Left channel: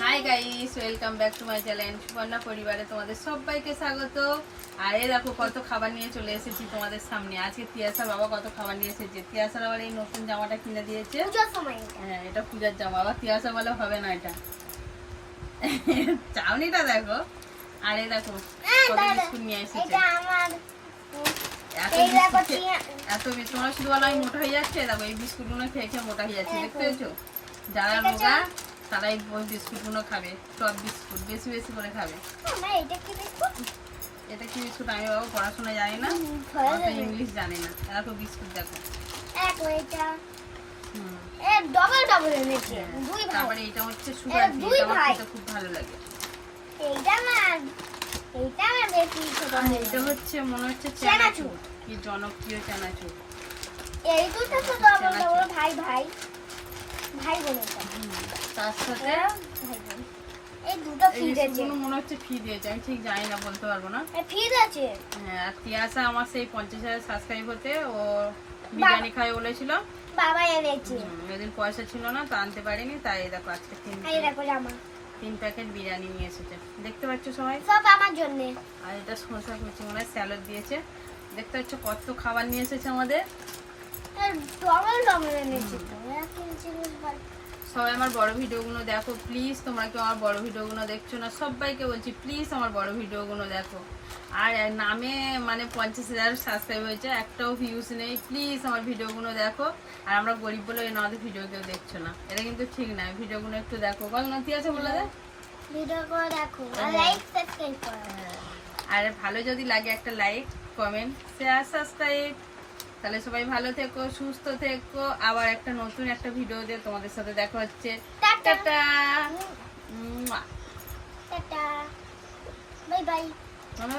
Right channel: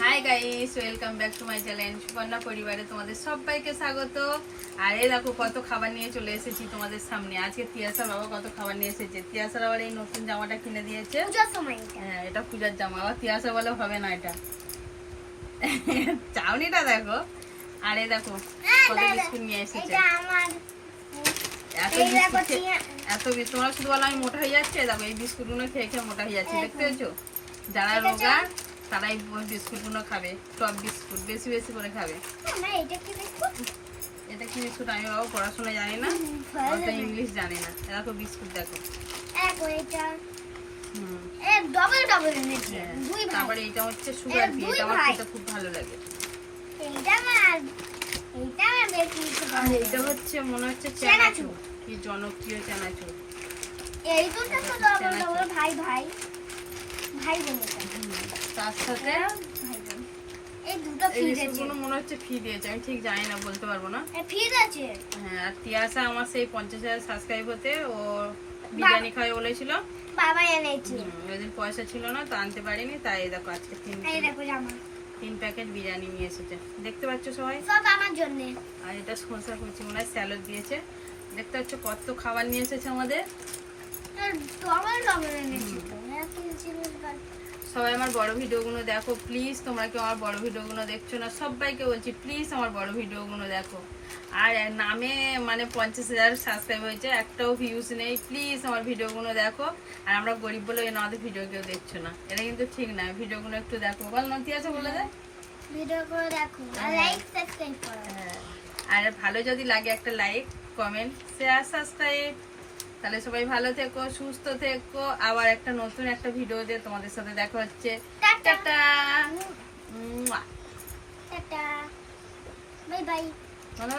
Hi guys welcome back to my channel Subarna পরিবারে তোমাদের সবাইকে স্বাগত। আর এই দেখো কত খাবার নিয়ে চলে এসেছি তোমাদের সামনে। আজকে তিয়াসার বাবা কত খাবার নিয়ে এসেছে। তিয়াসার আবার এই নতুন জামাটা কিনে দিয়েছে। পূজার সময় হ্যাঁ এটা পূজার জামা। আবার তিয়াসা বলে হবে না এটা। চাউনিটা দেখো। আর এই দেখো হ্যাঁ, কত বিস্কুট নিয়ে এসেছে। এত বিস্কুট তোমরা শুধু বলো আমি মোটা হয়ে যাচ্ছে দেখো এই বিস্কুটগুলো খেয়ে খেয়ে মোটা হয়ে যাচ্ছে। দেখতে পেয়েছ? যারা। রোগা তারা এই ওই বিস্কুটগুলো খাবে টপ বিস্কুট বেশি বেশি করে খাবে। এটা কি বিস্কুট? আমি বাবু পড়াশোনা জানি না। ইংলিশ জানে না। দেখো বিস্কুট দেখো। হ্যাঁ। তারপরে এটা হচ্ছে সুগার ফ্রি এটা আমার খেতে খুব ভালো লাগে। এইটা না এইটা না বেশি ছোট আর এটা হচ্ছে মনে হচ্ছে চানাচুর। চানাচুর কি জনপ্রিয় চানাচুর। এই দুটো তো ডবল ডবল ভাই ভাই। ভাই বোন তার সাথে মনে হচ্ছে দিয়েছে আমি ঠিক বলতে পারব না আছে হ্যাঁ আর আমার সেই পঞ্চাশ হাজার সাবস্ক্রাইব হতে ও বিরিয়ানি খাই বলেছিল পয়সা ছিল না তো আনতে পারিনি তাই দেখো আজকে তিন তিন প্যাকেট বিরিয়ানি নিয়ে এসেছে দেখতে পাচ্ছ সবাই জন্য আর এটা মনে হয় দিয়েছে দেখতে কত খাবার নিয়ে এসেছে আমাদের সবাই আমার বড় ভিডিওগুলো দেখো প্লিজ তোমরা কেউ আমার বড় ভিডিওগুলো দেখছ না সবাইকে বলছি প্লিজ আমার বড় ভিডিওগুলো দেখো। আর নামে মানে পঞ্চাশ হাজার সাবস্ক্রাইব হয়েছে একটাও ভিউজ নেই প্লিজ আমার ভিডিওগুলো দেখো। আর আমরা গরিব বলে ওই আমাদের ভিডিও কেউ দেখছ না। এটা কিন্তু ঠিক না ভিডিওগুলো একটু দেখো। বল না নথি আছে বলে দেয় দেখো হ্যাঁ। লাইক সাবস্ক্রাইব করো। হ্যাঁ। আর ভালো যদি লাগে একটা লাইক কমেন্ট শেয়ার সাবস্ক্রাইব তাহলে সবাই ভালো থেকো সুস্থ থেকো। আবার একটা নতুন একটা ভিডিও দিয়ে তোমাদের সাথে দেখা হচ্ছে। টাটা। টাটা। Bye bye. ভালো